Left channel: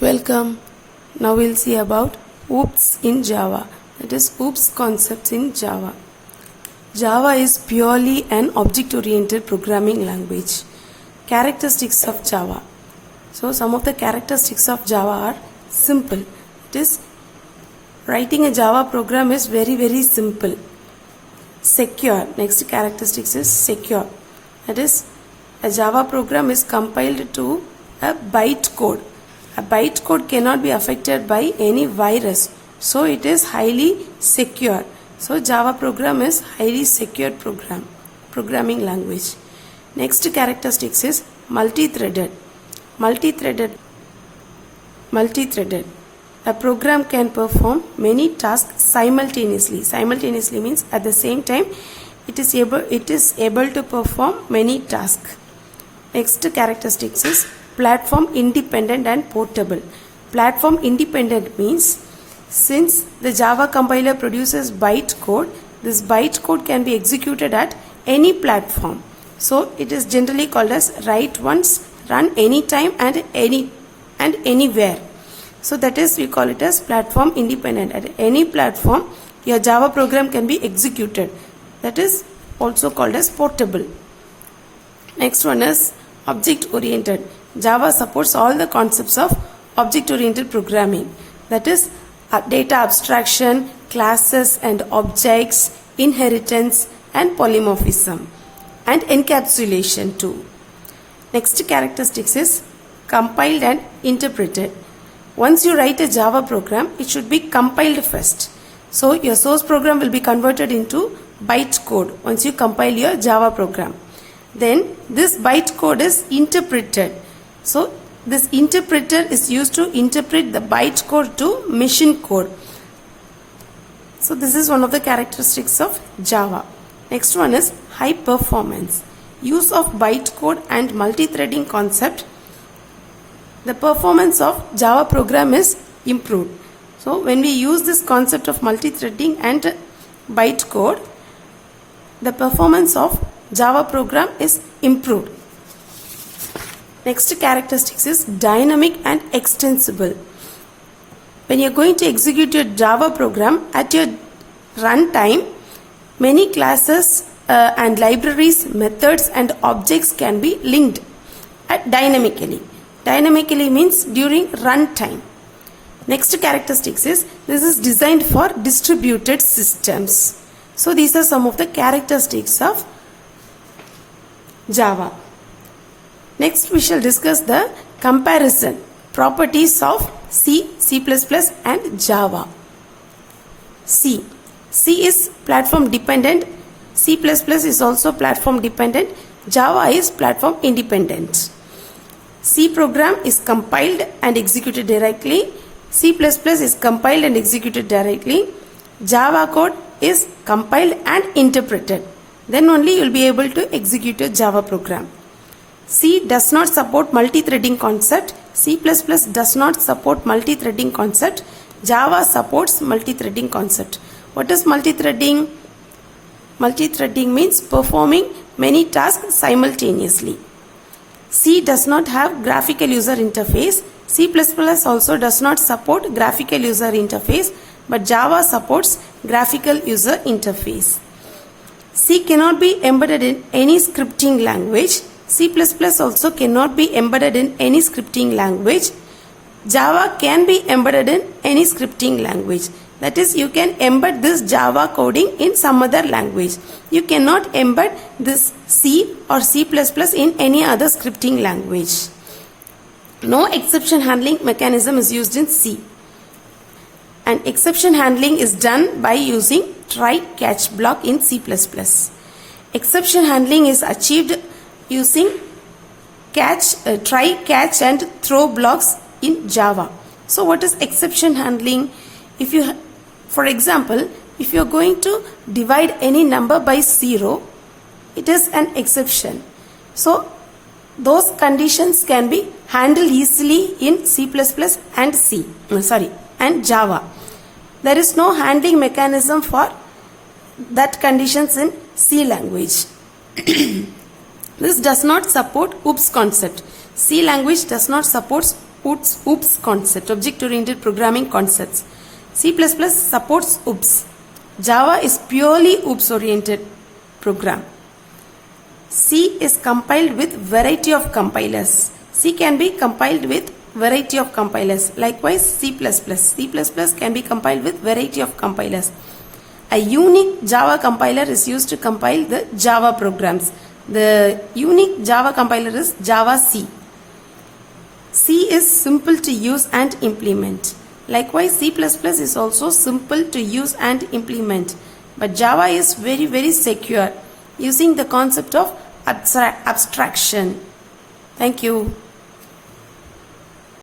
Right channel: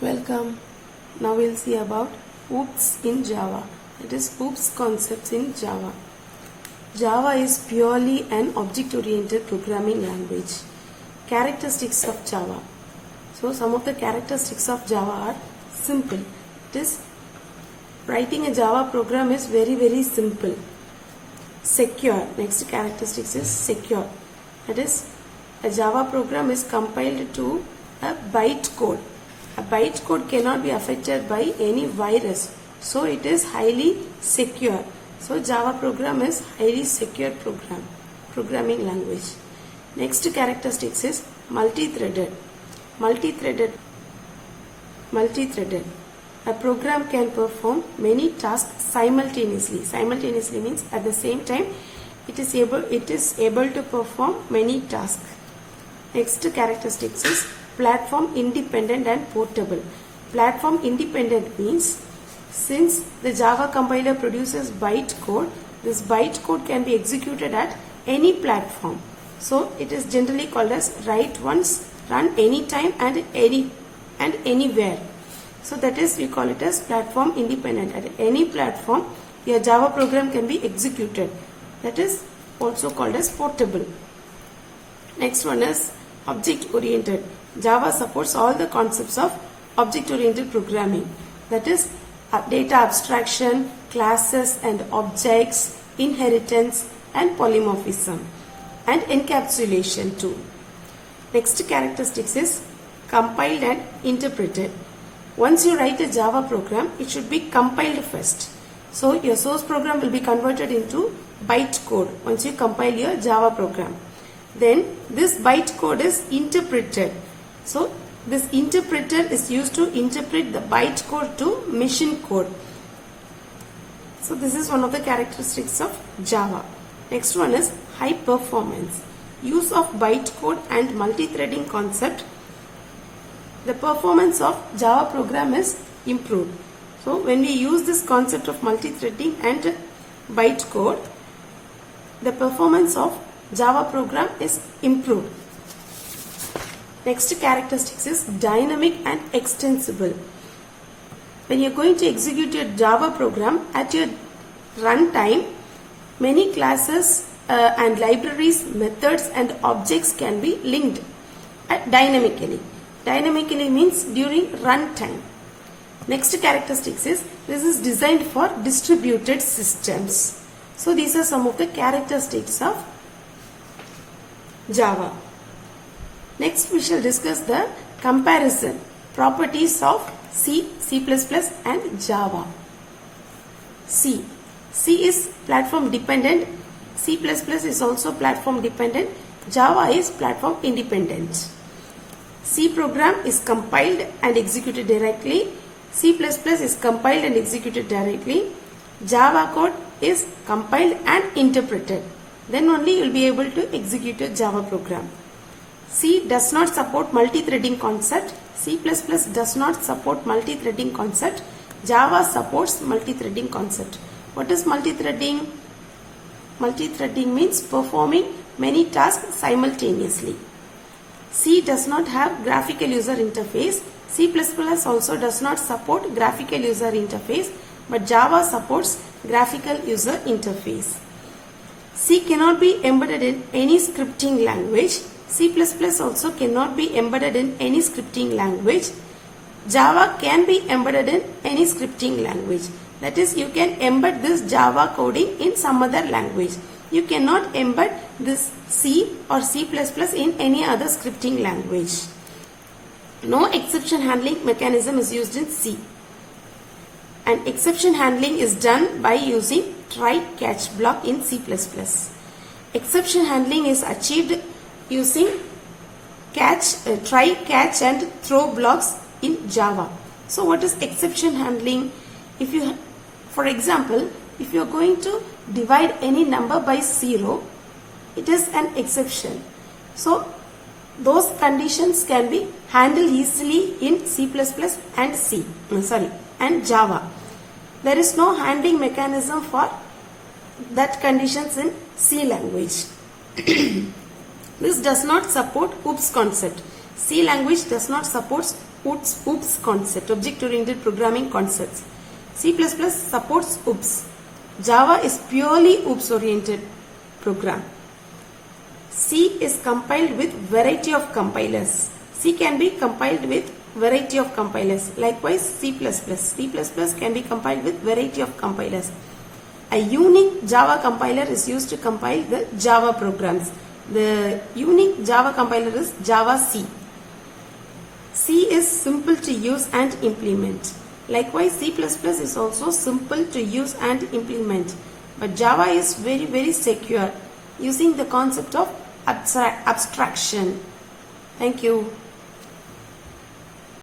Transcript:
Welcome. Now we'll see about OOPS in Java. That is OOPS concepts in Java. Java is purely an object-oriented programming language. Characteristics of Java. So some of the characteristics of Java are simple. It is writing a Java program is very simple. Secure. Next characteristics is secure. That is a Java program is compiled to a byte code. A byte code cannot be affected by any virus. So it is highly secure. So Java program is highly secure programming language. Next characteristics is multi-threaded. Multi-threaded. A program can perform many tasks simultaneously. Simultaneously means at the same time it is able to perform many tasks. Next characteristics is platform independent and portable. Platform independent means since the Java compiler produces byte code, this byte code can be executed at any platform. So it is generally called as write once, run anytime and anywhere. So that is, we call it as platform independent. At any platform your Java program can be executed. That is also called as portable. Next one is object oriented. Java supports all the concepts of object-oriented programming. That is data abstraction, classes and objects, inheritance and polymorphism and encapsulation too. Next characteristics is compiled and interpreted. Once you write a Java program, it should be compiled first. So your source program will be converted into byte code once you compile your Java program. Then this byte code is interpreted. So this interpreter is used to interpret the byte code to machine code. So this is one of the characteristics of Java. Next one is high performance. Use of byte code and multi-threading concept. The performance of Java program is improved. So when we use this concept of multi-threading and byte code, the performance of Java program is improved. Next characteristics is dynamic and extensible. When you are going to execute your Java program at your runtime, many classes and libraries, methods and objects can be linked dynamically. Dynamically means during runtime. Next characteristics is this is designed for distributed systems. So these are some of the characteristics of Java. Next we shall discuss the comparison properties of C, C++ and Java. C is platform dependent. C++ is also platform dependent. Java is platform independent. C program is compiled and executed directly. C++ is compiled and executed directly. Java code is compiled and interpreted. Then only you will be able to execute a Java program. C does not support multi-threading concept. C++ does not support multi-threading concept. Java supports multi-threading concept. What is multi-threading? Multi-threading means performing many tasks simultaneously. C does not have graphical user interface. C++ also does not support graphical user interface, but Java supports graphical user interface. C cannot be embedded in any scripting language. C++ also cannot be embedded in any scripting language. Java can be embedded in any scripting language. That is, you can embed this Java coding in some other language. You cannot embed this C or C++ in any other scripting language. No exception handling mechanism is used in C. And exception handling is done by using try-catch block in C++. Exception handling is achieved using try, catch and throw blocks in Java. So what is exception handling? For example, if you are going to divide any number by 0, it is an exception. So those conditions can be handled easily in C++ and Java. There is no handling mechanism for that conditions in C language. This does not support OOPS concept. C language does not support OOPS concept, object-oriented programming concepts. C++ supports OOPS. Java is purely OOPS-oriented program. C is compiled with variety of compilers. C can be compiled with variety of compilers. Likewise, C++ can be compiled with variety of compilers. A unique Java compiler is used to compile the Java programs. The unique Java compiler is Java C. C is simple to use and implement. Likewise, C++ is also simple to use and implement. But Java is very, very secure, using the concept of abstraction. Thank you.